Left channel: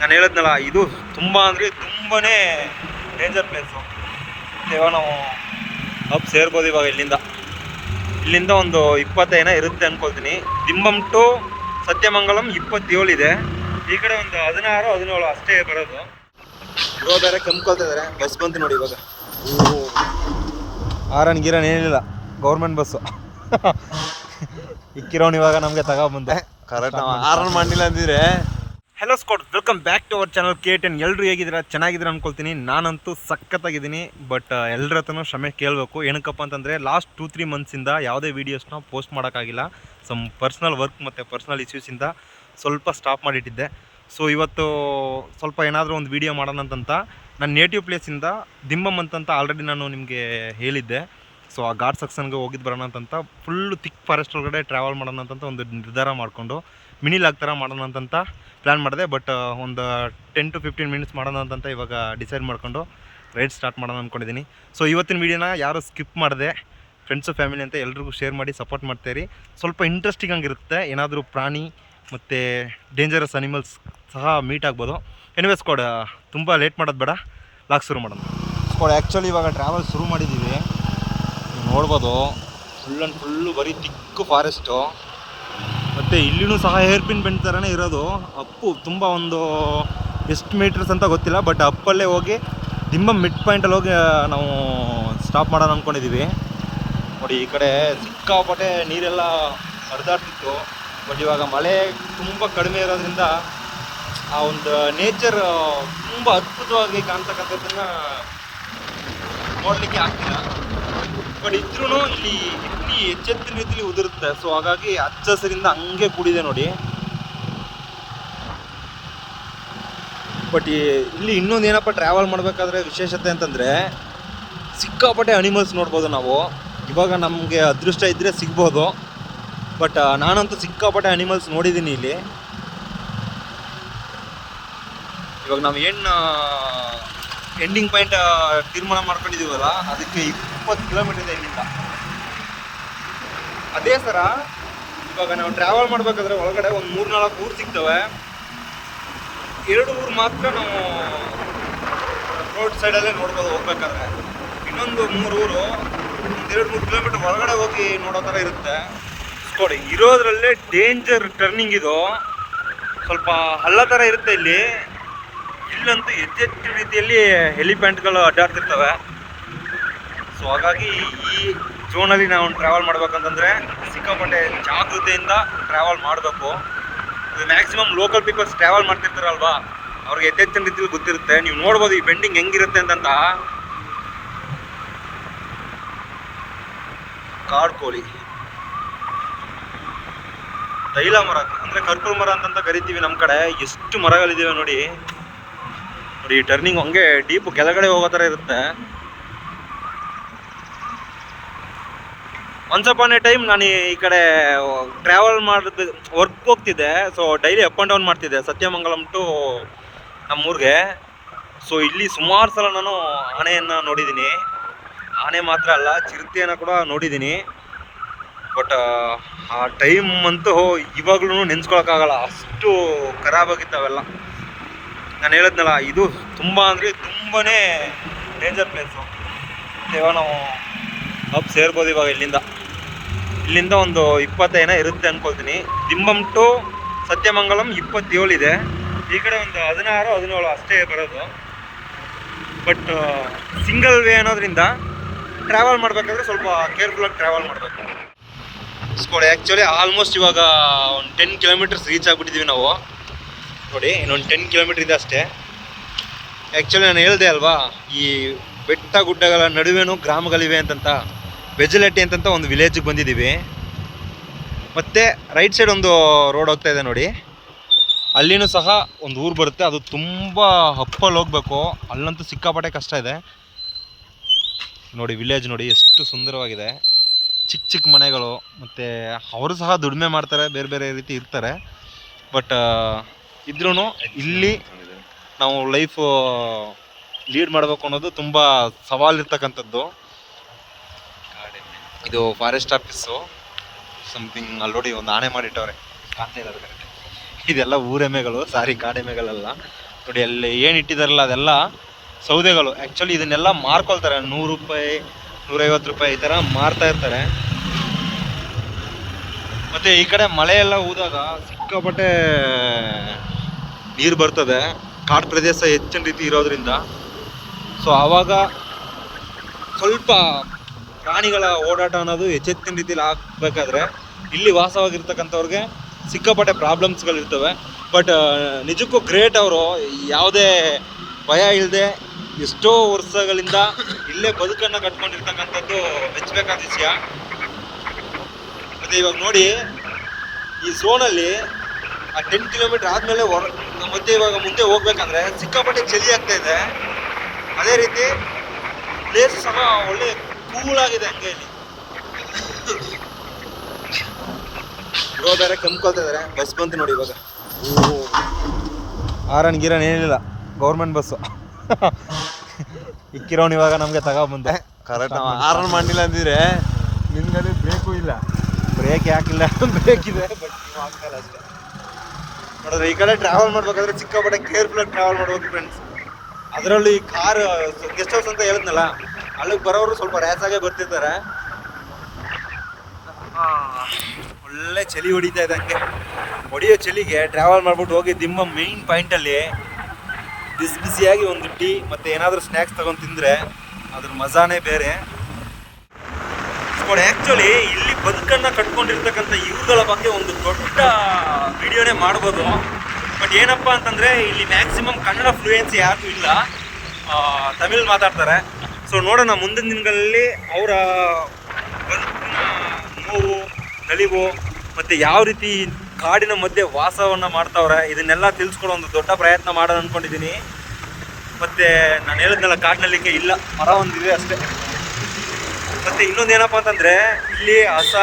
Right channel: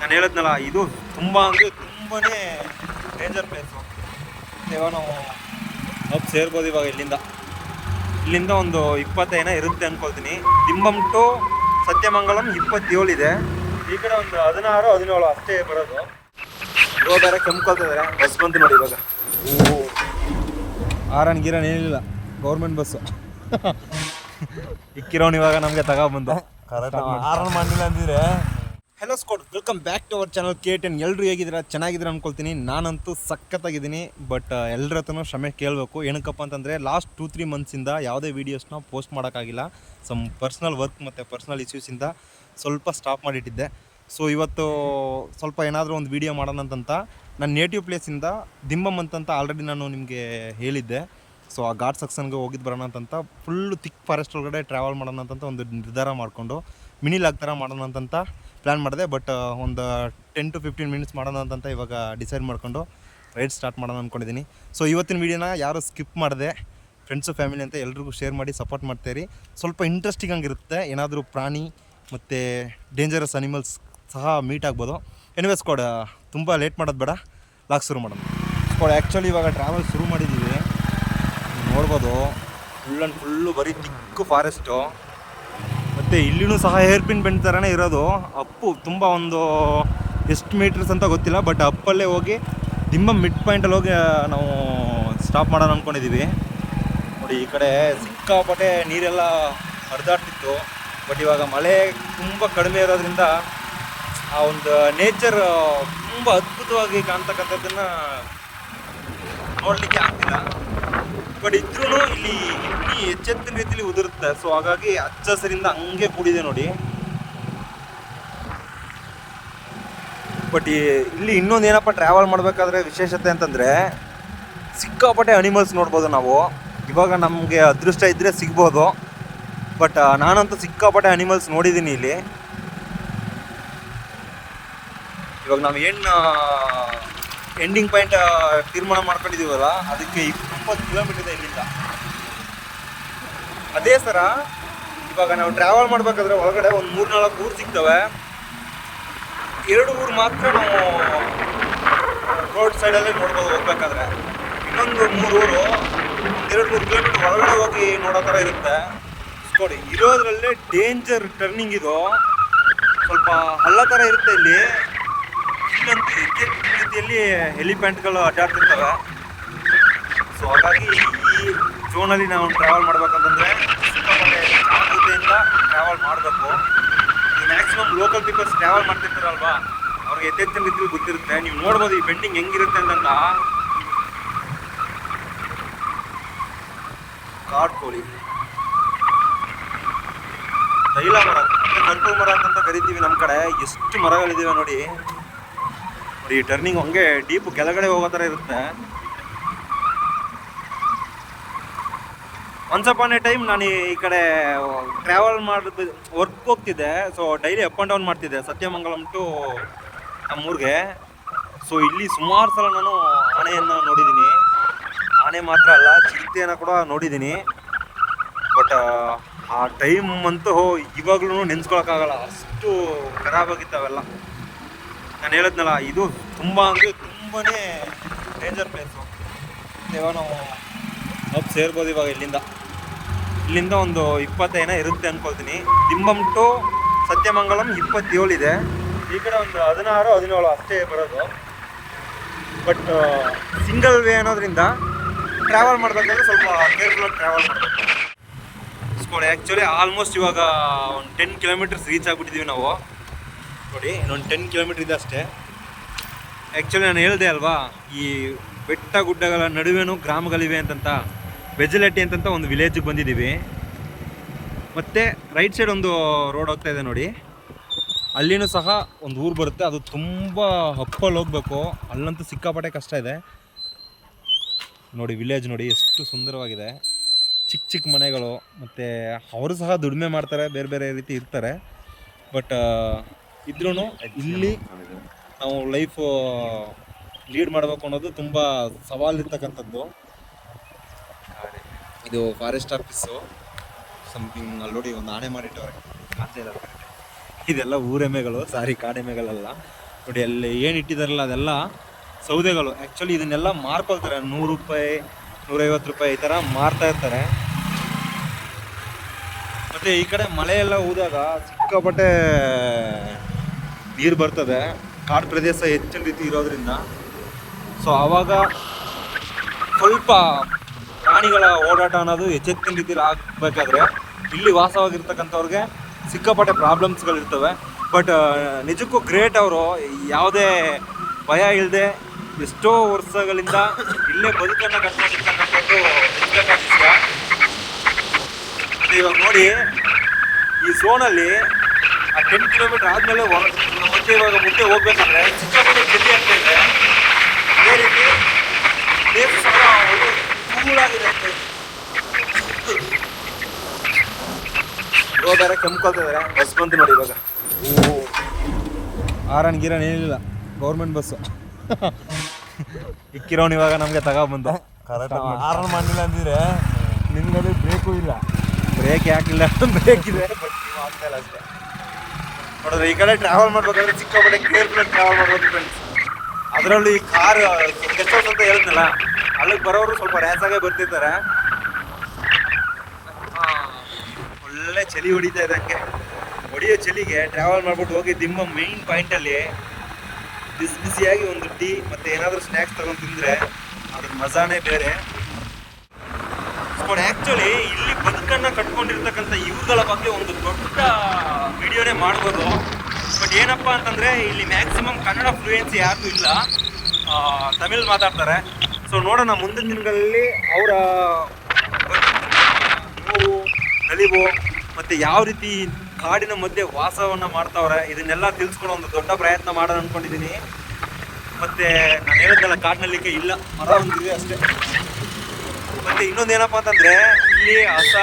ನಾನು ಹೇಳಿದ್ನಲ್ಲ, ಇದು ತುಂಬ ಅಂದರೆ ತುಂಬಾ ಡೇಂಜರ್ ಪ್ಲೇಸು. ಇವಾಗ ನಾವು ಅಪ್ ಸೇರ್ಬೋದು. ಇವಾಗ ಇಲ್ಲಿಂದ ಒಂದು 20 ಇರುತ್ತೆ ಅಂದ್ಕೊಳ್ತೀನಿ. ದಿಂಬಂ ಟು ಸತ್ಯಮಂಗಲಂ 27 ಇದೆ. ಈ ಕಡೆ ಒಂದು 16-17 ಅಷ್ಟೇ ಬರೋದು. ಇವಾಗ ಬೇರೆ ಕೆಮ್ಕೊಳ್ತಾ ಇದ್ದಾರೆ. ಬಸ್ ಬಂತು ನೋಡಿ ಇವಾಗ. ಆರನ್ ಗಿರನ್ ಏನಿಲ್ಲ, ಗೌರ್ಮೆಂಟ್ ಬಸ್ಸು. ಇಕ್ಕಿರೋನು ಇವಾಗ ನಮಗೆ ತಗೊಬಂದು ಕರೆಕ್ಟ್ ಆರನ್ ಮಾಡಿಲ್ಲ ಅಂದಿದ್ರೆ. Hello squad, welcome back to our channel K10. ಎಲ್ಲರೂ ಹೇಗಿದ್ದೀರಾ? ಚೆನ್ನಾಗಿದ್ದೀರಾ ಅಂದ್ಕೊಳ್ತೀನಿ. ನಾನಂತೂ ಸಖತ್ತಾಗಿದ್ದೀನಿ. ಬಟ್ ಎಲ್ಲರ ಹತ್ರನೂ ಕ್ಷಮೆ ಕೇಳಬೇಕು. ಏನಕ್ಕಪ್ಪ ಅಂತಂದರೆ ಲಾಸ್ಟ್ 2-3 ಮಂತ್ಸಿಂದ ಯಾವುದೇ ವೀಡಿಯೋಸ್ನ ಪೋಸ್ಟ್ ಮಾಡೋಕ್ಕಾಗಿಲ್ಲ. ಸಮ್ ಪರ್ಸ್ನಲ್ ವರ್ಕ್ ಮತ್ತು ಪರ್ಸ್ನಲ್ ಇಶ್ಯೂಸಿಂದ ಸ್ವಲ್ಪ ಸ್ಟಾಪ್ ಮಾಡಿಟ್ಟಿದ್ದೆ. ಸೊ ಇವತ್ತು ಸ್ವಲ್ಪ ಏನಾದರೂ ಒಂದು ವೀಡಿಯೋ ಮಾಡೋಣ ಅಂತಂತ ನನ್ನ ನೇಟಿವ್ ಪ್ಲೇಸಿಂದ ದಿಂಬಂ ಅಂತಂತ ಆಲ್ರೆಡಿ ನಾನು ನಿಮಗೆ ಹೇಳಿದ್ದೆ. ಸೊ ಆ ಘಾಟ್ ಸೆಕ್ಷನ್ಗೆ ಹೋಗಿದ್ದು ಬರೋಣ ಅಂತಂತ ಫುಲ್ಲು ಥಿಕ್ ಫಾರೆಸ್ಟ್ ಒಳಗಡೆ ಟ್ರಾವೆಲ್ ಮಾಡೋಣ ಅಂತಂತ ಒಂದು ನಿರ್ಧಾರ ಮಾಡಿಕೊಂಡು ಮಿನಿ ಲಾಗ್ ಥರ ಮಾಡೋಣ ಅಂತಂತ ಪ್ಲ್ಯಾನ್ ಮಾಡಿದೆ. ಬಟ್ ಒಂದು 10-15 ಮಿನಿಟ್ಸ್ ಮಾಡೋಣ ಅಂತಂತ ಇವಾಗ ಡಿಸೈಡ್ ಮಾಡಿಕೊಂಡು ರೈಡ್ ಸ್ಟಾರ್ಟ್ ಮಾಡೋಣ ಅಂದ್ಕೊಂಡಿದ್ದೀನಿ. ಸೊ ಇವತ್ತಿನ ವೀಡಿಯೋನ ಯಾರು ಸ್ಕಿಪ್ ಮಾಡಿದೆ, ಫ್ರೆಂಡ್ಸು ಫ್ಯಾಮಿಲಿ ಅಂತ ಎಲ್ರಿಗೂ ಶೇರ್ ಮಾಡಿ ಸಪೋರ್ಟ್ ಮಾಡ್ತೀರಿ. ಸ್ವಲ್ಪ ಇಂಟ್ರೆಸ್ಟಿಂಗ್ ಆಗಿರುತ್ತೆ. ಏನಾದರೂ ಪ್ರಾಣಿ ಮತ್ತು ಡೇಂಜರಸ್ ಅನಿಮಲ್ಸ್ ಸಹ ಮೀಟ್ ಆಗ್ಬೋದು. ಎನಿವೇಸ್ ಸ್ಕ್ವಾಡ್, ತುಂಬ ಲೇಟ್ ಮಾಡೋದು ಬೇಡ, ಲಾಗ್ ಶುರು ಮಾಡೋಣ. ಸ್ಕ್ವಾಡ್ ಆ್ಯಕ್ಚುಲಿ ಇವಾಗ ಟ್ರಾವೆಲ್ ಶುರು ಮಾಡಿದ್ದೀವಿ. ನೋಡ್ಬೋದು ಫುಲ್ಲು ಬರೀ ತಿಕ್ಕು ಫಾರೆಸ್ಟು. ಮತ್ತು ಇಲ್ಲಿನೂ ಸಹ ಹೇರ್ ಪಿನ್ ಬೆಂಡ್ ಥರನೇ ಇರೋದು. ಅಪ್ಪು ತುಂಬ ಒಂದು ಎಷ್ಟು ಮೀಟರ್ಸ್ ಅಂತ ಗೊತ್ತಿಲ್ಲ, ಬಟ್ ಅಪ್ಪಲ್ಲೇ ಹೋಗಿ ದಿಂಬಂ ಮಿಡ್ ಪಾಯಿಂಟಲ್ಲಿ ಹೋಗಿ ನಾವು ಸ್ಟಾಪ್ ಮಾಡೋಣ ಅಂದ್ಕೊಂಡಿದ್ದೀವಿ. ನೋಡಿ ಈ ಕಡೆ ಸಿಕ್ಕಾಪಟ್ಟೆ ನೀರೆಲ್ಲ ಹರಿದಾಡ್ತಿತ್ತು. ಬಟ್ ಇವಾಗ ಮಳೆ ತುಂಬ ಕಡಿಮೆ ಇರೋದ್ರಿಂದ ಆ ಒಂದು ನೇಚರ್ ತುಂಬ ಅದ್ಭುತವಾಗಿ ಕಾಣ್ತಕ್ಕಂಥದ್ದನ್ನು ನೋಡಲಿಕ್ಕೆ ಆಗ್ತಿಲ್ಲ. ಬಟ್ ಇದ್ರೂ ಇಲ್ಲಿ ಎಚ್ಚೆತ್ತಿನ ರೀತಿಯಲ್ಲಿ ಉದುರುತ್ತೆ. ಸೊ ಹಾಗಾಗಿ ಹಚ್ಚ ಹಸಿರಿಂದ ಹಂಗೆ ಕೂಡಿದೆ ನೋಡಿ. ಬಟ್ ಇಲ್ಲಿ ಇನ್ನೊಂದು ಏನಪ್ಪ, ಟ್ರಾವೆಲ್ ಮಾಡಬೇಕಾದ್ರೆ ವಿಶೇಷತೆ ಅಂತಂದರೆ ಸಿಕ್ಕಾಪಟ್ಟೆ ಅನಿಮಲ್ಸ್ ನೋಡ್ಬೋದು ನಾವು. ಇವಾಗ ನಮಗೆ ಅದೃಷ್ಟ ಇದ್ದರೆ ಸಿಗ್ಬೋದು. ಬಟ್ ನಾನಂತೂ ಸಿಕ್ಕಾಪಟ್ಟೆ ಅನಿಮಲ್ಸ್ ನೋಡಿದ್ದೀನಿ ಇಲ್ಲಿ. ಇವಾಗ ನಾವು ಏನು ಎಂಡಿಂಗ್ ಪಾಯಿಂಟ್ ತೀರ್ಮಾನ ಮಾಡ್ಕೊಂಡಿದ್ದೀವಲ್ಲ, ಅದಕ್ಕೆ 20 ಕಿಲೋಮೀಟರ್ ಇದೆ ಇಲ್ಲಿಂದ. ಅದೇ ಸರ ಇವಾಗ ನಾವು ಟ್ರಾವೆಲ್ ಮಾಡಬೇಕಾದ್ರೆ ಒಳಗಡೆ ಒಂದು 3-4 ಊರು ಸಿಗ್ತವೆ. 2 ಊರು ಮಾತ್ರ ನಾವು ರೋಡ್ ಸೈಡಲ್ಲೇ ನೋಡ್ಬೋದು ಹೋಗ್ಬೇಕಾದ್ರೆ. ಇನ್ನೊಂದು 3 ಊರು 2-3 ಕಿಲೋಮೀಟರ್ ಒಳಗಡೆ ಹೋಗಿ ನೋಡೋ ಥರ ಇರುತ್ತೆ. ನೋಡಿ ಇರೋದ್ರಲ್ಲೇ ಡೇಂಜರ್ ಟರ್ನಿಂಗ್ ಇದು. ಸ್ವಲ್ಪ ಹಳ್ಳ ಥರ ಇರುತ್ತೆ ಇಲ್ಲಿ. ಇಲ್ಲಂತೂ ಹೆಚ್ಚೆಚ್ಚು ರೀತಿಯಲ್ಲಿ ಹೆಲಿಪ್ಯಾಂಟ್ಗಳು ಅಡ್ಡಾಡ್ತಿರ್ತವೆ. ಸೊ ಹಾಗಾಗಿ ಈ ಝೋನಲ್ಲಿ ನಾವು ಟ್ರಾವೆಲ್ ಮಾಡ್ಬೇಕಂತಂದರೆ ಸಿಕ್ಕಾಪಟ್ಟೆ ಜಾಗೃತೆಯಿಂದ ಟ್ರಾವೆಲ್ ಮಾಡಬೇಕು. ಇದು ಮ್ಯಾಕ್ಸಿಮಮ್ ಲೋಕಲ್ ಪೀಪಲ್ಸ್ ಟ್ರಾವೆಲ್ ಮಾಡ್ತಿರ್ತಾರಲ್ವಾ, ಅವ್ರಿಗೆ ಹೆಚ್ಚೆಚ್ಚಿನ ರೀತಿಯಲ್ಲಿ ಗೊತ್ತಿರುತ್ತೆ. ನೀವು ನೋಡ್ಬೋದು ಈ ಬೆಂಡಿಂಗ್ ಹೆಂಗಿರುತ್ತೆ ಅಂತಂತ. ಕಾಡು ಕೋಳಿ, ತೈಲ ಮರ ಅಂದರೆ ಕರ್ಪೂರ ಮರ ಅಂತಂತ ಕರಿತೀವಿ ನಮ್ಮ ಕಡೆ. ಎಷ್ಟು ಮರಗಳಿದ್ದಾವೆ ನೋಡಿ. ನೋಡಿ ಈ ಟರ್ನಿಂಗ್ ಹಂಗೆ ಡೀಪ್ ಕೆಳಗಡೆ ಹೋಗೋ ಥರ ಇರುತ್ತೆ. ಒನ್ಸ್ ಅಪಾನ್ ಎ ಟೈಮ್ ನಾನು ಈ ಕಡೆ ಟ್ರಾವೆಲ್ ಮಾಡೋದು ವರ್ಕ್ ಹೋಗ್ತಿದ್ದೆ. So daily up and down ಮಾಡ್ತಿದ್ದೆ ಸತ್ಯಮಂಗಲಂ ಟು ನಮ್ಮೂರಿಗೆ. ಸೊ ಇಲ್ಲಿ ಸುಮಾರು ಸಲ ನಾನು ಆನೆಯನ್ನು ನೋಡಿದ್ದೀನಿ. ಆನೆ ಮಾತ್ರ ಅಲ್ಲ, ಚಿರತೆಯನ್ನು ಕೂಡ ನೋಡಿದ್ದೀನಿ. ಬಟ್ ಆ ಟೈಮ್ ಅಂತೂ ಇವಾಗ್ಲೂ ನೆನೆಸ್ಕೊಳಕ್ಕಾಗಲ್ಲ, ಅಷ್ಟು ಖರಾಬಾಗಿತ್ತು ಅವೆಲ್ಲ. ನಾನು ಹೇಳಿದ್ನಲ್ಲ, ಇದು ತುಂಬ ಅಂದರೆ ತುಂಬಾ ಡೇಂಜರ್ ಪ್ಲೇಸು. ಇವಾಗ ನಾವು ಅಪ್ ಸೇರ್ಬೋದು. ಇವಾಗ ಇಲ್ಲಿಂದ ಒಂದು 20 ಇರುತ್ತೆ ಅಂದ್ಕೊಳ್ತೀನಿ. ದಿಂಬಂ ಟು ಸತ್ಯಮಂಗಲಂ 27 ಇದೆ. ಈ ಕಡೆ ಒಂದು 16-17 ಅಷ್ಟೇ ಬರೋದು. ಬಟ್ ಸಿಂಗಲ್ ವೇ ಅನ್ನೋದ್ರಿಂದ ಟ್ರಾವೆಲ್ ಮಾಡಬೇಕಾದ್ರೆ ಸ್ವಲ್ಪ ಕೇರ್ಫುಲ್ಲಾಗಿ ಟ್ರಾವೆಲ್ ಮಾಡಬೇಕು. ಸ್ಕೋಡ್ ಆ್ಯಕ್ಚುಲಿ ಆಲ್ಮೋಸ್ಟ್ ಇವಾಗ ಒಂದು 10 ಕಿಲೋಮೀಟರ್ಸ್ ರೀಚ್ ಆಗಿಬಿಟ್ಟಿದ್ದೀವಿ ನಾವು. ನೋಡಿ ಇನ್ನೊಂದು 10 ಕಿಲೋಮೀಟ್ರ್ ಇದೆ ಅಷ್ಟೇ. ಆ್ಯಕ್ಚುಲಿ ನಾನು ಹೇಳಿದೆ ಅಲ್ವಾ, ಈ ಬೆಟ್ಟ ಗುಡ್ಡಗಳ ನಡುವೆನೂ ಗ್ರಾಮಗಳಿವೆ ಅಂತಂತ. ಬೆಜಲೆಟ್ಟಿ ಅಂತಂತ ಒಂದು ವಿಲೇಜಿಗೆ ಬಂದಿದ್ದೀವಿ. ಮತ್ತು ರೈಟ್ ಸೈಡ್ ಒಂದು ರೋಡ್ ಹೋಗ್ತಾ ಇದೆ ನೋಡಿ, ಅಲ್ಲಿನೂ ಸಹ ಒಂದು ಊರು ಬರುತ್ತೆ. ಅದು ತುಂಬ ಅಪ್ಪಲ್ಲಿ ಹೋಗಬೇಕು. ಅಲ್ಲಂತೂ ಸಿಕ್ಕಾಪಟ್ಟೆ ಕಷ್ಟ ಇದೆ ನೋಡಿ. ವಿಲೇಜ್ ನೋಡಿ ಎಷ್ಟು ಸುಂದರವಾಗಿದೆ. ಚಿಕ್ಕ ಚಿಕ್ಕ ಮನೆಗಳು, ಮತ್ತು ಅವರು ಸಹ ದುಡಿಮೆ ಮಾಡ್ತಾರೆ, ಬೇರೆ ಬೇರೆ ರೀತಿ ಇರ್ತಾರೆ. ಬಟ್ ಇದ್ರೂ ಇಲ್ಲಿ ನಾವು ಲೈಫು ಲೀಡ್ ಮಾಡಬೇಕು ಅನ್ನೋದು ತುಂಬ ಸವಾಲಿರ್ತಕ್ಕಂಥದ್ದು. ಇದು ಫಾರೆಸ್ಟ್ ಆಫೀಸು ಸಮಥಿಂಗ್. ಅಲ್ಲಿ ನೋಡಿ ಒಂದು ಆನೆ ಮಾಡಿಟ್ಟವ್ರೆ, ಕಾಣ್ತಾ ಇರೋದು ಕರೆಕ್ಟ್. ಇದೆಲ್ಲ ಊರೆಮ್ಮೆಗಳು, ಸಾರಿ ಕಾಡೆಮ್ಮೆಗಳಲ್ಲ. ನೋಡಿ ಅಲ್ಲಿ ಏನು ಇಟ್ಟಿದಾರಲ್ಲ ಅದೆಲ್ಲ ಸೌದೆಗಳು. ಆ್ಯಕ್ಚುಲಿ ಇದನ್ನೆಲ್ಲ ಮಾರ್ಕೊಳ್ತಾರೆ, 100 ರೂಪಾಯಿ 150 ರೂಪಾಯಿ ಈ ಥರ ಮಾರ್ತಾ ಇರ್ತಾರೆ. ಮತ್ತು ಈ ಕಡೆ ಮಳೆ ಎಲ್ಲ ಊದಾಗ ಸಿಕ್ಕಾಪಟ್ಟೆ ನೀರು ಬರ್ತದೆ, ಕಾಡು ಪ್ರದೇಶ ಹೆಚ್ಚಿನ ರೀತಿ ಇರೋದ್ರಿಂದ. ಸೊ ಆವಾಗ ಸ್ವಲ್ಪ ಪ್ರಾಣಿಗಳ ಓಡಾಟ ಅನ್ನೋದು ಹೆಚ್ಚೆಚ್ಚಿನ ರೀತಿಯಲ್ಲಿ ಆಗಬೇಕಾದ್ರೆ ಇಲ್ಲಿ ವಾಸವಾಗಿರ್ತಕ್ಕಂಥವ್ರಿಗೆ ಸಿಕ್ಕಾಪಟ್ಟೆ ಪ್ರಾಬ್ಲಮ್ಸ್ಗಳಿರ್ತವೆ. ಬಟ್ ನಿಜಕ್ಕೂ ಗ್ರೇಟ್ ಅವರು, ಯಾವುದೇ ಭಯ ಇಲ್ಲದೆ ಎಷ್ಟೋ ವರ್ಷಗಳಿಂದ ಇಲ್ಲೇ ಬದುಕನ್ನು ಕಟ್ಕೊಂಡಿರ್ತಕ್ಕಂಥದ್ದು ಮೆಚ್ಚಬೇಕಾದ ವಿಷಯ. ಮತ್ತು ಇವಾಗ ನೋಡಿ ಈ ಝೋನಲ್ಲಿ ಆ 10 ಕಿಲೋಮೀಟರ್ ಆದಮೇಲೆ ಮತ್ತೆ ಇವಾಗ ಮುಂದೆ ಹೋಗ್ಬೇಕಂದ್ರೆ ಸಿಕ್ಕಾಪಟ್ಟೆ ಚಳಿ ಆಗ್ತಾ ಇದೆ. ಅದೇ ರೀತಿ ಪ್ಲೇಸ್ ಸಹ ಒಳ್ಳೆ ಕೂಲಾಗಿದೆ ಅಂತ ಹೇಳಿ. ಇವಾಗ ಬೇರೆ ಕೆಮ್ಕೊಳ್ತಾ ಇದಾರೆ. ಬಸ್ ಬಂತು ನೋಡಿ ಇವಾಗ. ಆರನ್ ಗಿರನ್ ಏನಿಲ್ಲ, ಗೌರ್ಮೆಂಟ್ ಬಸ್ಸು ಇಕ್ಕಿರೋನು ಇವಾಗ ನಮಗೆ ತಗೊಬಂದು ಕರೆಕ್ಟ್ ಆರನ್ ಮಾಡಿಲ್ಲ ಅಂದಿದ್ರೆ ನಿನ್ಗಡೆ ಬೇಕು ಇಲ್ಲ, ಬ್ರೇಕ್ ಯಾಕಿಲ್ಲ, ಬ್ರೇಕ್ ಇದೆ ಬಟ್ ಆಗ್ತಾ ಇಲ್ಲ ಅಷ್ಟೇ. ನೋಡಿದ್ರೆ ಈ ಕಡೆ ಟ್ರಾವೆಲ್ ಮಾಡ್ಬೇಕಾದ್ರೆ ಸಿಕ್ಕಾಪಟ್ಟೆ ಕೇರ್ಫುಲ್ ಟ್ರಾವೆಲ್ ಮಾಡ್ಬೋದು ಫ್ರೆಂಡ್ಸ್. ಅದರಲ್ಲೂ ಈ ಕಾರ್ ಗೆಸ್ಟ್ ಹೌಸ್ ಅಂತ ಹೇಳಿದ್ನಲ್ಲ, ಅಲ್ಲಿಗೆ ಬರೋರು ಸ್ವಲ್ಪ ರ್ಯಾಸಾಗೇ ಬರ್ತಿರ್ತಾರೆ. ಒಳ್ಳೆ ಚಳಿ ಹೊಡಿತಾ ಇದೆ. ಹಂಗೆ ಹೊಡಿಯೋ ಚಳಿಗೆ ಟ್ರಾವೆಲ್ ಮಾಡ್ಬಿಟ್ಟು ಹೋಗಿ ದಿಮ್ಮ ಮೇನ್ ಪಾಯಿಂಟಲ್ಲಿ ಬಿಸಿ ಬಿಸಿಯಾಗಿ ಒಂದು ಟೀ ಮತ್ತು ಏನಾದರೂ ಸ್ನ್ಯಾಕ್ಸ್ ತೊಗೊಂಡು ತಿಂದರೆ ಅದ್ರ ಮಜಾನೇ ಬೇರೆ. ಆ್ಯಕ್ಚುಲಿ ಇಲ್ಲಿ ಬದುಕನ್ನು ಕಟ್ಕೊಂಡಿರ್ತಕ್ಕಂಥ ಇವುಗಳ ಬಗ್ಗೆ ಒಂದು ದೊಡ್ಡ ವಿಡಿಯೋನೇ ಮಾಡ್ಬೋದು. ಬಟ್ ಏನಪ್ಪ ಅಂತಂದರೆ ಇಲ್ಲಿ ಮ್ಯಾಕ್ಸಿಮಮ್ ಕನ್ನಡ ಫ್ಲೂಯೆನ್ಸಿ ಯಾರಿಗೂ ಇಲ್ಲ, ತಮಿಳ್ ಮಾತಾಡ್ತಾರೆ. ಸೊ ನೋಡೋಣ ಮುಂದಿನ ದಿನಗಳಲ್ಲಿ ಅವರ ನೋವು ನಲಿವು ಮತ್ತು ಯಾವ ರೀತಿ ಕಾಡಿನ ಮಧ್ಯೆ ವಾಸವನ್ನು ಮಾಡ್ತಾವ್ರೆ ಇದನ್ನೆಲ್ಲ ತಿಳಿಸ್ಕೊಡೋ ಒಂದು ದೊಡ್ಡ ಪ್ರಯತ್ನ ಮಾಡೋಣ ಅಂದ್ಕೊಂಡಿದ್ದೀನಿ. ಮತ್ತು ನಾನು ಹೇಳಿದ್ನಲ್ಲ ಕಾಡಿನಲ್ಲಿಗೆ ಇಲ್ಲ, ಮರ ಒಂದಿದೆ ಅಷ್ಟೇ. ಮತ್ತು ಇನ್ನೊಂದೇನಪ್ಪ ಅಂತಂದರೆ ಇಲ್ಲಿ ಹಸ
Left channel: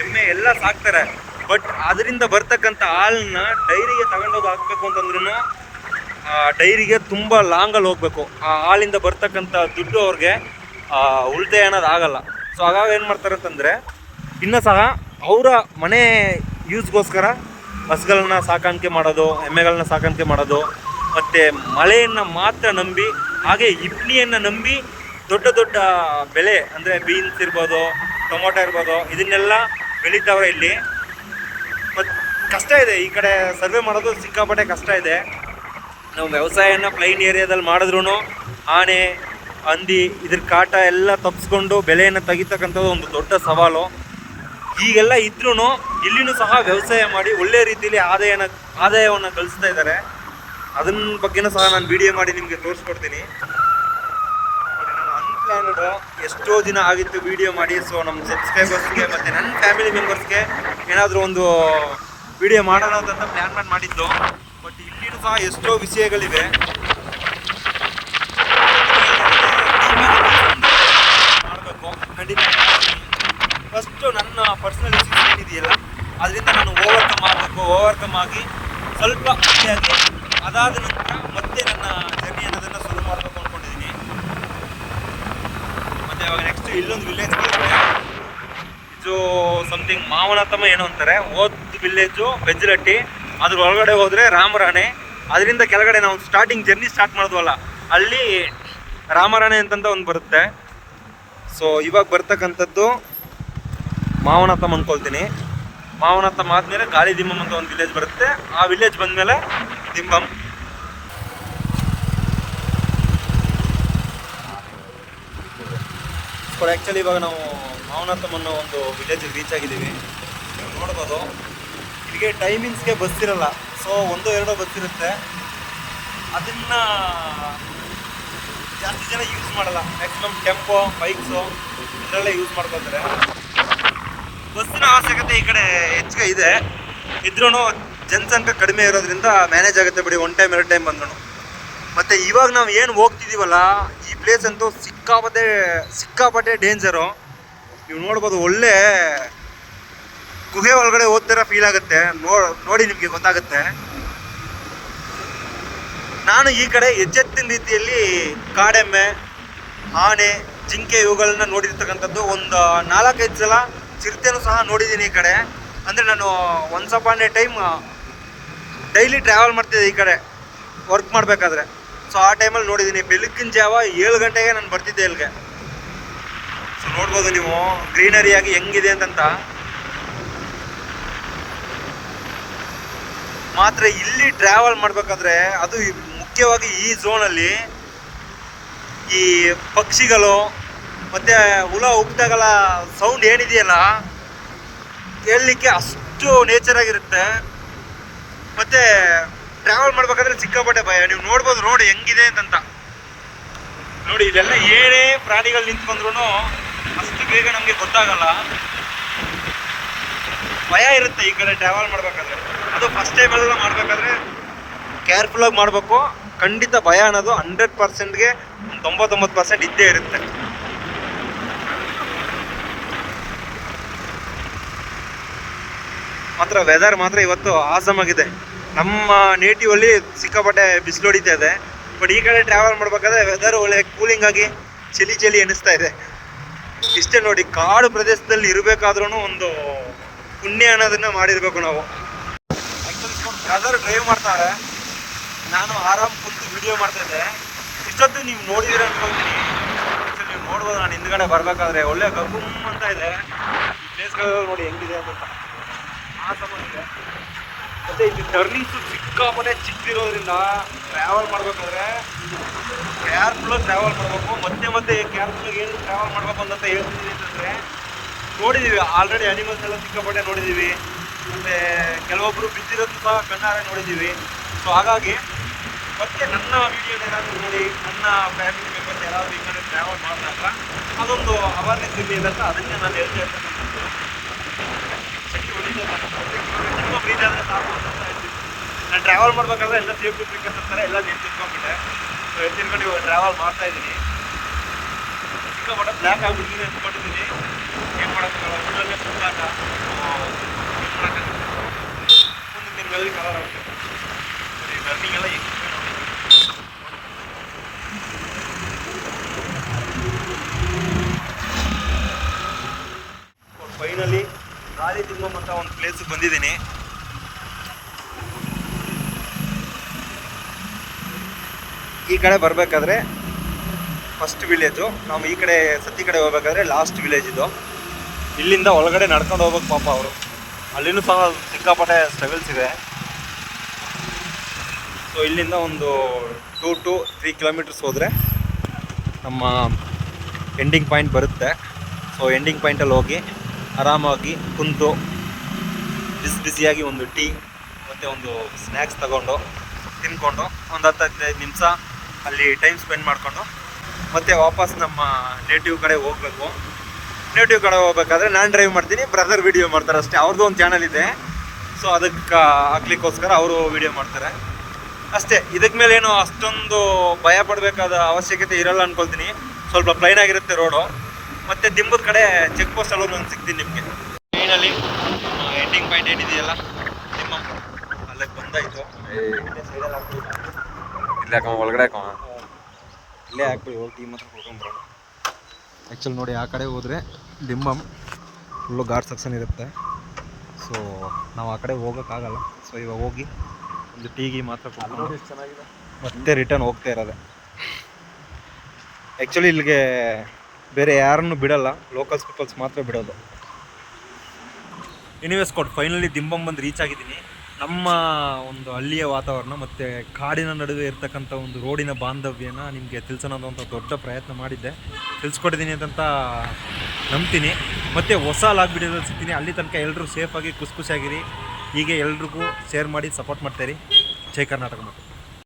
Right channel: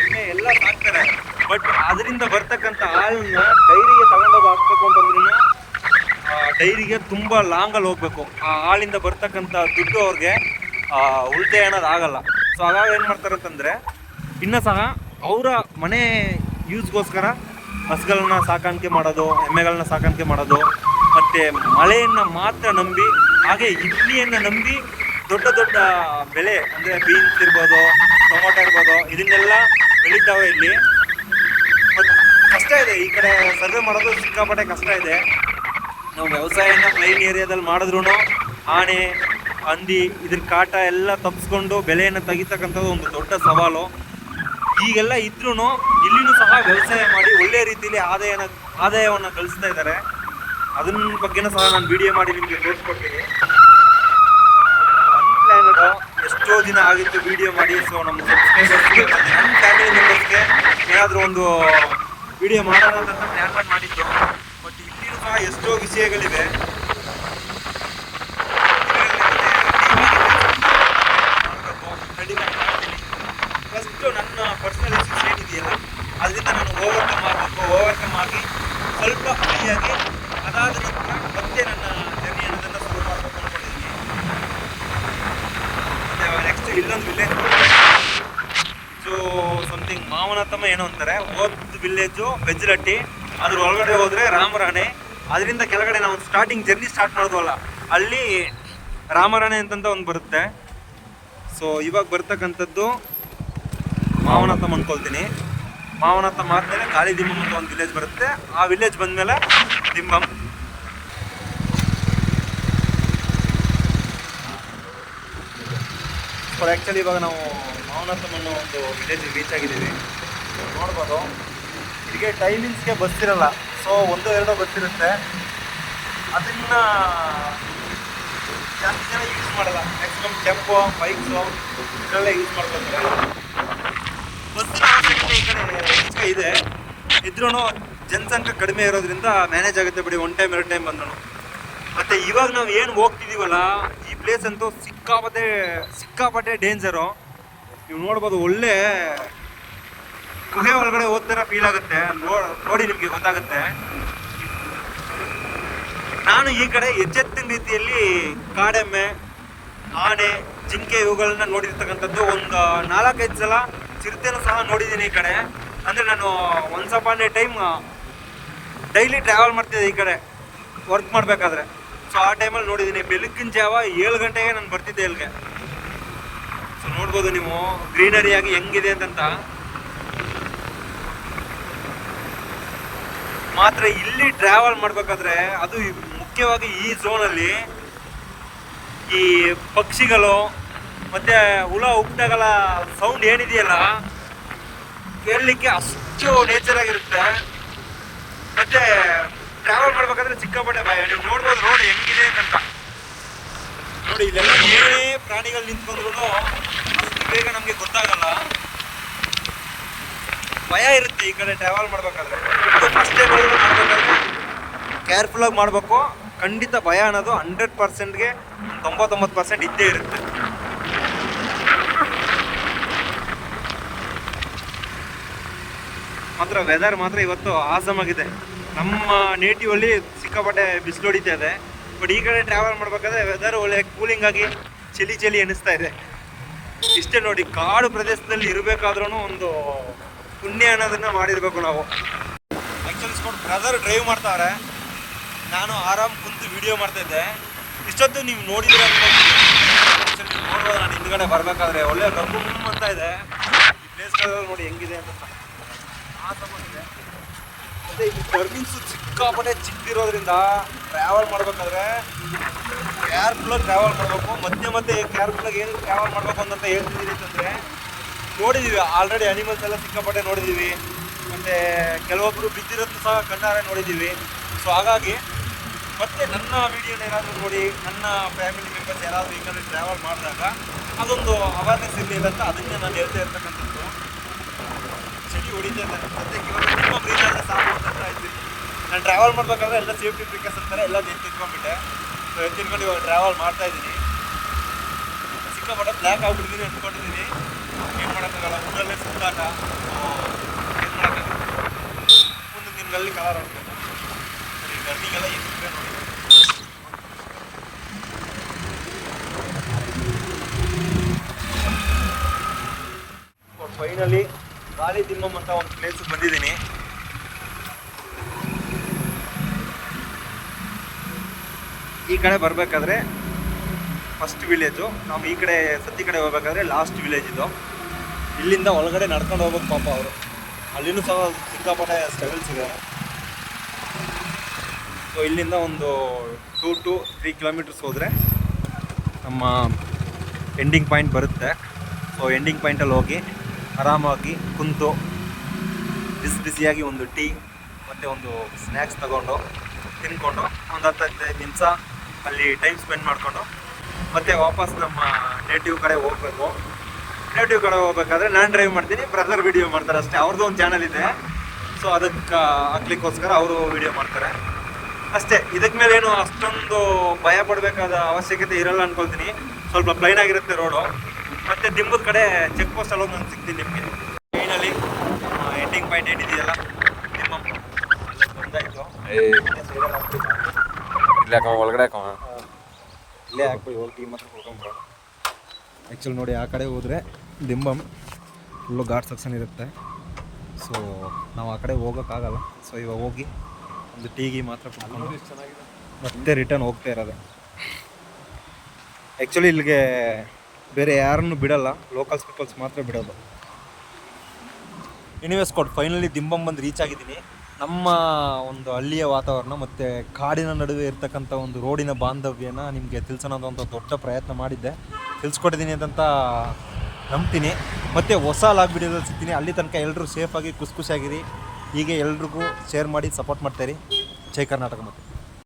ಎಮ್ಮೆ ಎಲ್ಲ ಸಾಕ್ತಾರೆ. ಬಟ್ ಅದರಿಂದ ಬರ್ತಕ್ಕಂಥ ಹಾಲನ್ನ ಡೈರಿಗೆ ತಗೊಂಡೋಗಿ ಹಾಕ್ಬೇಕು ಅಂತಂದ್ರೂ ಡೈರಿಗೆ ತುಂಬ ಲಾಂಗಲ್ಲಿ ಹೋಗಬೇಕು. ಆ ಹಾಲಿಂದ ಬರ್ತಕ್ಕಂಥ ದುಡ್ಡು ಅವ್ರಿಗೆ ಉಳಿತಾಯ ಅನ್ನೋದು ಆಗಲ್ಲ. ಸೊ ಹಾಗಾಗಿ ಏನು ಮಾಡ್ತಾರೆ ಅಂತಂದರೆ ಇನ್ನೂ ಸಹ ಅವರ ಮನೆ ಯೂಸ್ಗೋಸ್ಕರ ಹಸುಗಳನ್ನ ಸಾಕಾಣಿಕೆ ಮಾಡೋದು, ಎಮ್ಮೆಗಳನ್ನ ಸಾಕಾಣಿಕೆ ಮಾಡೋದು, ಮತ್ತು ಮಳೆಯನ್ನು ಮಾತ್ರ ನಂಬಿ, ಹಾಗೆ ಇಡ್ಲಿಯನ್ನು ನಂಬಿ ದೊಡ್ಡ ದೊಡ್ಡ ಬೆಳೆ ಅಂದರೆ ಬೀನ್ಸ್ ಇರ್ಬೋದು, ಟೊಮೊಟೊ ಇರ್ಬೋದು, ಇದನ್ನೆಲ್ಲ ಬೆಳೀತಾವೆ ಇಲ್ಲಿ. ಮತ್ತು ಕಷ್ಟ ಇದೆ ಈ ಕಡೆ ಸರ್ವೆ ಮಾಡೋದು, ಸಿಕ್ಕಾಪಟ್ಟೆ ಕಷ್ಟ ಇದೆ. ನಾವು ವ್ಯವಸಾಯನ ಪ್ಲೈನ್ ಏರಿಯಾದಲ್ಲಿ ಮಾಡಿದ್ರೂ ಆನೆ ಹಂದಿ ಇದ್ರ ಕಾಟ ಎಲ್ಲ ತಪ್ಪಿಸ್ಕೊಂಡು ಬೆಳೆಯನ್ನು ತೆಗಿತಕ್ಕಂಥದ್ದು ಒಂದು ದೊಡ್ಡ ಸವಾಲು. ಈಗೆಲ್ಲ ಇದ್ರೂ ಇಲ್ಲಿನೂ ಸಹ ವ್ಯವಸಾಯ ಮಾಡಿ ಒಳ್ಳೆಯ ರೀತಿಯಲ್ಲಿ ಆದಾಯವನ್ನು ಗಳಿಸ್ತಾ ಇದ್ದಾರೆ. ಅದನ್ನ ಬಗ್ಗೆನೂ ಸಹ ನಾನು ವಿಡಿಯೋ ಮಾಡಿ ನಿಮಗೆ ತೋರಿಸ್ಕೊಡ್ತೀನಿ. ಅನ್ಪ್ಲ್ಯಾನ್ಡ್ ಎಷ್ಟೋ ದಿನ ಆಗಿತ್ತು ವಿಡಿಯೋ ಮಾಡಿ. ಸೊ ನಮ್ಮ ಸಬ್ಸ್ಕ್ರೈಬರ್ಸ್ಗೆ ಮತ್ತು ನನ್ನ ಫ್ಯಾಮಿಲಿ ಮೆಂಬರ್ಸ್ಗೆ ಏನಾದರೂ ಒಂದು ವಿಡಿಯೋ ಮಾಡೋಣ ಅಂತ ಪ್ಲ್ಯಾನ್ ಮಾಡಿದ್ದು. ಬಟ್ ಇಲ್ಲಿನೂ ಸಹ ಎಷ್ಟೋ ವಿಷಯಗಳಿವೆ. ಮಾಡಬೇಕು ಖಂಡಿತ. ಫಸ್ಟು ನನ್ನ ಪರ್ಸ್ನಲಿಟಿ ಏನಿದೆಯಲ್ಲ ಅದರಿಂದ ನಾನು ಓವರ್ಕಮ್ ಆಗಿ ಸ್ವಲ್ಪ ಖುಷಿಯಾಗಿ ಅದಾದ ನಂತರ ಮತ್ತೆ ನನ್ನ ಜರ್ನಿ ಅನ್ನೋದನ್ನು ಶುರು ಮಾಡಬೇಕು ಅಂದ್ಕೊಂಡಿದ್ದೀನಿ. ಮತ್ತು ನೆಕ್ಸ್ಟ್ ಇಲ್ಲೊಂದು ವಿಲೇಜ್ ಇದು ಸಮಥಿಂಗ್ ಮಾವನತಮ್ಮ ಏನೋ ಅಂತಾರೆ, ವಿಲೇಜು ಬೆಜ್ಜಲಟ್ಟಿ. ಅದ್ರ ಒಳಗಡೆ ಹೋದರೆ ರಾಮರಾಣೆ, ಅದರಿಂದ ಕೆಳಗಡೆ ನಾವು ಜರ್ನಿ ಸ್ಟಾರ್ಟ್ ಮಾಡಿದ್ವಲ್ಲ ಅಲ್ಲಿ ರಾಮರಾಣೆ ಅಂತಂತ ಒಂದು ಬರುತ್ತೆ. ಸೊ ಇವಾಗ ಬರ್ತಕ್ಕಂಥದ್ದು ಮಾವನತಮ್ಮ ಅಂದ್ಕೊಳ್ತೀನಿ. ಮಾವನತಮ್ಮ ಆದಮೇಲೆ ಗಾಳಿ ದಿಮ್ಮಮ್ ಅಂತ ಒಂದು ವಿಲೇಜ್ ಬರುತ್ತೆ. ಆ ವಿಲೇಜ್ ಬಂದಮೇಲೆ ದಿಮ್ಮಮ್. ಆ್ಯಕ್ಚುಲಿ ಇವಾಗ ನಾವು ಮಾವನತಮ್ಮ ಅನ್ನೋ ಒಂದು ವಿಲೇಜ್ ರೀಚ್ ಆಗಿದ್ದೀವಿ. ನೋಡ್ಬೋದು ಇಲ್ಲಿಗೆ ಟೈಮಿಂಗ್ಸ್ಗೆ ಬಸ್ ಇರಲ್ಲ. ಸೊ 1-2 ಬಸ್ ಇರುತ್ತೆ. ಅದನ್ನು ಜಾಸ್ತಿ ಜನ ಯೂಸ್ ಮಾಡಲ್ಲ. ಮ್ಯಾಕ್ಸಿಮಮ್ ಟೆಂಪೋ ಬೈಕ್ಸು ಇದರಲ್ಲೇ ಯೂಸ್ ಮಾಡ್ಕೊತಾರೆ. ಬಸ್ಸಿನ ಅವಶ್ಯಕತೆ ಈ ಕಡೆ ಹೆಚ್ಚಿಗೆ ಇದೆ, ಇದ್ರೂ ಜನಸಂಖ್ಯೆ ಕಡಿಮೆ ಇರೋದ್ರಿಂದ ಮ್ಯಾನೇಜ್ ಆಗುತ್ತೆ ಬಿಡಿ, 1 ಟೈಮ್ 2 ಟೈಮ್ ಬಂದ್ರು. ಮತ್ತು ಇವಾಗ ನಾವು ಏನು ಹೋಗ್ತಿದ್ದೀವಲ್ಲ ಈ ಪ್ಲೇಸ್ ಅಂತೂ ಸಿಕ್ಕಾಪಟ್ಟೆ ಡೇಂಜರು. ನೀವು ನೋಡ್ಬೋದು, ಒಳ್ಳೆ ಗುಹೆ ಒಳಗಡೆ ಹೋಗ್ತಾರ ಫೀಲ್ ಆಗುತ್ತೆ. ನೋಡಿ ನಿಮಗೆ ಗೊತ್ತಾಗುತ್ತೆ. ನಾನು ಈ ಕಡೆ ಹೆಚ್ಚೆತ್ತಿನ ರೀತಿಯಲ್ಲಿ ಕಾಡೆಮ್ಮೆ, ಆನೆ, ಜಿಂಕೆ ಇವುಗಳನ್ನ ನೋಡಿರ್ತಕ್ಕಂಥದ್ದು. ಒಂದು 4-5 ಸಲ ಚಿರತೆನೂ ಸಹ ನೋಡಿದ್ದೀನಿ ಈ ಕಡೆ. ಅಂದರೆ ನಾನು once upon A time daily travel ಮಾಡ್ತಿದ್ದೆ ಈ ಕಡೆ. ವರ್ಕ್ ಮಾಡಬೇಕಾದ್ರೆ. ಸೊ ಆ ಟೈಮಲ್ಲಿ ನೋಡಿದ್ದೀನಿ, ಬೆಳಗಿನ ಜಾವ 7 ಗಂಟೆಗೆ ನಾನು ಬರ್ತಿದ್ದೆ ಇಲ್ಲಿಗೆ. ಸೊ ನೋಡ್ಬೋದು ನೀವು ಗ್ರೀನರಿಯಾಗಿ ಹೆಂಗಿದೆ ಅಂತಂತ. ಮಾತ್ರ ಇಲ್ಲಿ ಟ್ರಾವೆಲ್ ಮಾಡಬೇಕಾದ್ರೆ ಅದು ಮುಖ್ಯವಾಗಿ ಈ ಝೋನಲ್ಲಿ ಈ ಪಕ್ಷಿಗಳು ಮತ್ತು ಹುಳ ಹುಪ್ಟಾಗಲ್ಲ ಸೌಂಡ್ ಏನಿದೆಯಲ್ಲ ಕೇಳಲಿಕ್ಕೆ ಅಷ್ಟು ನೇಚರ್ ಆಗಿರುತ್ತೆ. ಮತ್ತು ಟ್ರಾವೆಲ್ ಮಾಡ್ಬೇಕಾದ್ರೆ ಸಿಕ್ಕಾಪಟ್ಟೆ ಭಯ. ನೀವು ನೋಡ್ಬೋದು ರೋಡ್ ಹೆಂಗಿದೆ ಅಂತ. ನೋಡಿ ಇದೆಲ್ಲ ಏನೇ ಪ್ರಾಣಿಗಳು ನಿಂತು ಬಂದ್ರೂ ಅಷ್ಟು ಬೇಗ ನಮಗೆ ಗೊತ್ತಾಗಲ್ಲ. ಭಯ ಇರುತ್ತೆ ಈ ಕಡೆ ಟ್ರಾವೆಲ್ ಮಾಡ್ಬೇಕಾದ್ರೆ. ಅದು ಫಸ್ಟ್ ಟೈಮ್ ಎಲ್ಲ ಮಾಡಬೇಕಾದ್ರೆ ಕೇರ್ಫುಲ್ಲಾಗಿ ಮಾಡಬೇಕು. ಖಂಡಿತ ಭಯ ಅನ್ನೋದು 100%ಗೆ 99% ಇದ್ದೇ ಇರುತ್ತೆ. ಮಾತ್ರ ವೆದರ್ ಮಾತ್ರ ಇವತ್ತು ಆಸಮ್ ಆಗಿದೆ. ನಮ್ಮ ನೇಟಿವಲ್ಲಿ ಸಿಕ್ಕಾಪಟ್ಟೆ ಬಿಸಿಲು ಹೊಡಿತಾ ಇದೆ. ಬಟ್ ಈ ಕಡೆ ಟ್ರಾವೆಲ್ ಮಾಡಬೇಕಾದ್ರೆ ವೆದರ್ ಒಳ್ಳೆ ಕೂಲಿಂಗ್ ಆಗಿ ಚಳಿ ಅನ್ನಿಸ್ತಾ ಇದೆ. ಇಷ್ಟೇ ನೋಡಿ, ಕಾಡು ಪ್ರದೇಶದಲ್ಲಿ ಇರಬೇಕಾದ್ರೂ ಒಂದು ಪುಣ್ಯ ಅನ್ನೋದನ್ನ ಮಾಡಿರಬೇಕು ನಾವು. ಆ್ಯಕ್ಚುಲಿ ಬ್ರದರ್ ಡ್ರೈವ್ ಮಾಡ್ತಾರೆ, ನಾನು ಆರಾಮ್ ಕುಂತು ವಿಡಿಯೋ ಮಾಡ್ತಾಯಿದ್ದೆ. ಇಷ್ಟೊತ್ತು ನೀವು ನೋಡಿದ್ದೀರ ಅನ್ಕೊಳ್ತೀನಿ. ಆ್ಯಕ್ಚುಲಿ ನೀವು ನೋಡ್ಬೋದು, ನಾನು ಹಿಂದ್ಗಡೆ ಬರಬೇಕಾದ್ರೆ ಒಳ್ಳೆ ಗಂಗು ಅಂತ ಇದೆ. ಈ ಪ್ಲೇಸ್ಗಳು ನೋಡಿ ಹೆಂಗಿದೆ ಅಂತ. ಮತ್ತು ಇಲ್ಲಿ ಟರ್ನಿಂಗ್ಸು ಸಿಕ್ಕಾಪಟ್ಟೆ ಚಿಕ್ಕಿರೋದ್ರಿಂದ ಟ್ರಾವೆಲ್ ಮಾಡಬೇಕಾದ್ರೆ ಕೇರ್ಫುಲ್ಲಾಗಿ ಟ್ರಾವೆಲ್ ಮಾಡಬೇಕು. ಮತ್ತೆ ಕೇರ್ಫುಲ್ಲಾಗಿ ಏನು ಟ್ರಾವೆಲ್ ಮಾಡಬೇಕು ಅಂತ ಹೇಳ್ತೀನಿ ಅಂತಂದರೆ, ನೋಡಿದ್ದೀವಿ ಆಲ್ರೆಡಿ ಅನಿಮಲ್ಸ್ ಎಲ್ಲ ಸಿಕ್ಕಾಪಟ್ಟೆ ನೋಡಿದ್ದೀವಿ. ಮತ್ತು ಕೆಲವೊಬ್ಬರು ಬಿದ್ದಿರೋದು ಸಹ ಕಣ್ಣಾರೆ ನೋಡಿದ್ದೀವಿ. ಸೊ ಹಾಗಾಗಿ ಮತ್ತೆ ನನ್ನ ವೀಡಿಯೋನ ಏನಾದರೂ ನೋಡಿ ನನ್ನ ಫ್ಯಾಮಿಲಿ ಮೆಂಬರ್ಸ್ ಯಾರಾದರೂ ಈ ಕಡೆ ಟ್ರಾವೆಲ್ ಮಾಡಿದಾಗ ಅದೊಂದು ಅವೇರ್ನೆಸ್ ಇಲ್ಲಿ ಅಂತ ಅದನ್ನೇ ನಾನು ಹೇಳ್ತಾ ಇರ್ತಕ್ಕಂಥದ್ದು. ಸೆಟ್ಟಿ ಹೊಡಿತಾ ಇದ್ದಾನೆ ಮತ್ತೆ ತುಂಬ ಬ್ರೀಜ್ ಆದರೆ ಸಾಕು ಅಂತ ಹೇಳ್ತೀನಿ. ನಾನು ಟ್ರಾವೆಲ್ ಮಾಡಬೇಕಾದ್ರೆ ಎಲ್ಲ ಸೇಫ್ಟಿ ಪ್ರಿಕಾಷನ್ ಅಂತಾರೆ, ಎಲ್ಲ ಎತ್ತಿಟ್ಕೊಂಡ್ಬಿಟ್ಟೆ. ಸೊ ಎತ್ತಿಟ್ಕೊಂಡು ಇವಾಗ ಟ್ರಾವೆಲ್ ಮಾಡ್ತಾಯಿದ್ದೀನಿ. ಸಿಕ್ಕಾಪಟ್ಟೆ ಬ್ಲ್ಯಾಕ್ ಆಗಿಬಿಡ್ತೀನಿ ಅಂದ್ಕೊಂಡಿದ್ದೀನಿ. ಏನು ಮಾಡೋಕ್ಕಾಗಲ್ಲ, ಊರಲ್ಲೇ ಸುತ್ತಾಗ ಏನು ಮಾಡೋಕ್ಕಾಗಲ್ಲ. ಮುಂದೆ ನಿಮ್ಗೆಲ್ಲಿ ಕಲರ್ ಆಗ್ಬೋದು. ಸರಿ, ರನ್ನಿಂಗ್ ಎಲ್ಲ ಹೆಂಗಿದೆ ನೋಡಿ. ಫೈನಲಿ ಗಾಳಿ ತಿಮ್ಮಮ್ ಅಂತ ಒಂದು ಪ್ಲೇಸಿಗೆ ಬಂದಿದ್ದೀನಿ. ಈ ಕಡೆ ಬರಬೇಕಾದ್ರೆ ಫಸ್ಟ್ ವಿಲೇಜು. ನಾವು ಈ ಕಡೆ ಸತಿ ಕಡೆ ಹೋಗ್ಬೇಕಾದ್ರೆ ಲಾಸ್ಟ್ ವಿಲೇಜ್ ಇದು. ಇಲ್ಲಿಂದ ಒಳಗಡೆ ನಡ್ಕೊಂಡು ಹೋಗ್ಬೇಕು ಪಾಪ ಅವರು. ಅಲ್ಲಿನೂ ಸಹ ಸಿಕ್ಕಾಪಟ್ಟೆ ಸ್ಟ್ರಗಲ್ಸ್ ಇದೆ. ಸೊ ಇಲ್ಲಿಂದ ಒಂದು 2 to 3 ಕಿಲೋಮೀಟರ್ಸ್ ಹೋದರೆ ನಮ್ಮ ಎಂಡಿಂಗ್ ಪಾಯಿಂಟ್ ಬರುತ್ತೆ. ಸೊ ಎಂಡಿಂಗ್ ಪಾಯಿಂಟಲ್ಲಿ ಹೋಗಿ ಆರಾಮಾಗಿ ಕುಂತು ಬಿಸಿಯಾಗಿ ಒಂದು ಟೀ ಮತ್ತು ಒಂದು ಸ್ನ್ಯಾಕ್ಸ್ ತಗೊಂಡು ತಿನ್ಕೊಂಡು ಒಂದು 10-15 ನಿಮಿಷ ಅಲ್ಲಿ ಟೈಮ್ ಸ್ಪೆಂಡ್ ಮಾಡಿಕೊಂಡು ಮತ್ತೆ ವಾಪಸ್ ನಮ್ಮ ನೇಟಿವ್ ಕಡೆ ಹೋಗಬೇಕು. ನೇಟಿವ್ ಕಡೆ ಹೋಗ್ಬೇಕಾದ್ರೆ ನಾನು ಡ್ರೈವ್ ಮಾಡ್ತೀನಿ, ಬ್ರದರ್ ವೀಡಿಯೋ ಮಾಡ್ತಾರೆ ಅಷ್ಟೇ. ಅವ್ರದ್ದು ಒಂದು ಚಾನಲ್ ಇದೆ, ಸೊ ಅದಕ್ಕೆ ಹಾಕ್ಲಿಕ್ಕೋಸ್ಕರ ಅವರು ವೀಡಿಯೋ ಮಾಡ್ತಾರೆ ಅಷ್ಟೇ. ಇದಕ್ಕೆ ಮೇಲೆ ಏನು ಅಷ್ಟೊಂದು ಭಯ ಪಡಬೇಕಾದ ಅವಶ್ಯಕತೆ ಇರಲ್ಲ ಅಂದ್ಕೊಳ್ತೀನಿ. ಸ್ವಲ್ಪ ಪ್ಲೈನ್ ಆಗಿರುತ್ತೆ ರೋಡು. ಮತ್ತು ದಿಂಬದ ಕಡೆ ಚೆಕ್ ಪೋಸ್ಟ್ ಅಲ್ಲೊಂದು ನಾನು ಸಿಗ್ತೀನಿ ನಿಮಗೆ. ಟ್ರೈನಲ್ಲಿ ಎಂಡಿಂಗ್ ಪಾಯಿಂಟ್ ಏನಿದೆಯಲ್ಲ ದಿಂಬಮ್ ಅಲ್ಲೇ ಬಂದಾಯಿತು. ಇಲ್ಲ ಒಳಗಡೆ ಇಲ್ಲೇ ಹಾಕಿ ಹೋಗಿ ಟೀಮ್ ಹತ್ರ ಹೋಗ್ಕೊಂಡ್ರು. ಆ್ಯಕ್ಚುಲಿ ನೋಡಿ, ಆ ಕಡೆ ಹೋದರೆ ದಿಂಬಮ್ ಫುಲ್ಲು ಘಾಟ್ ಸೆಕ್ಷನ್ ಇರುತ್ತೆ. ಸೊ ನಾವು ಆ ಕಡೆ ಹೋಗೋಕ್ಕಾಗಲ್ಲ. ಸೊ ಇವಾಗ ಹೋಗಿ ಒಂದು ಟೀಗಿ ಮಾತ್ರ ಕೊಡ್ಕೊಂಡು ಮತ್ತೆ ರಿಟರ್ನ್ ಹೋಗ್ತಾ ಇರೋದೆ. ಆ್ಯಕ್ಚುಲಿ ಇಲ್ಲಿಗೆ ಬೇರೆ ಯಾರನ್ನು ಬಿಡಲ್ಲ, ಲೋಕಲ್ಸ್ ಪೀಪಲ್ಸ್ ಮಾತ್ರ ಬಿಡೋದು. ಎನಿವೇಸ್ ಫೈನಲಿ ದಿಂಬಮ್ ಬಂದು ರೀಚ್ ಆಗಿದ್ದೀನಿ. ನಮ್ಮ ಒಂದು ಹಳ್ಳಿಯ ವಾತಾವರಣ ಮತ್ತು ಕಾಡಿನ ನಡುವೆ ಇರ್ತಕ್ಕಂಥ ಒಂದು ರೋಡಿನ ಬಾಂಧವ್ಯನ ನಿಮಗೆ ತಿಳಿಸೋಣ ಅಂತ ದೊಡ್ಡ ಪ್ರಯತ್ನ ಮಾಡಿದ್ದೆ. ತಿಳಿಸ್ಕೊಟ್ಟಿದ್ದೀನಿ ಅಂತ ನಂಬ್ತೀನಿ. ಮತ್ತು ಹೊಸ ಲಾಗ್ ವಿಡಿಯೋದಲ್ಲಿ ಸಿಗ್ತೀನಿ. ಅಲ್ಲಿ ತನಕ ಎಲ್ಲರೂ ಸೇಫಾಗಿ ಖುಷಿಯಾಗಿರಿ. ಹೀಗೆ ಎಲ್ರಿಗೂ ಶೇರ್ ಮಾಡಿ ಸಪೋರ್ಟ್ ಮಾಡ್ತಾಯಿರಿ. ಜೈ ಕರ್ನಾಟಕ. ಮತ್ತು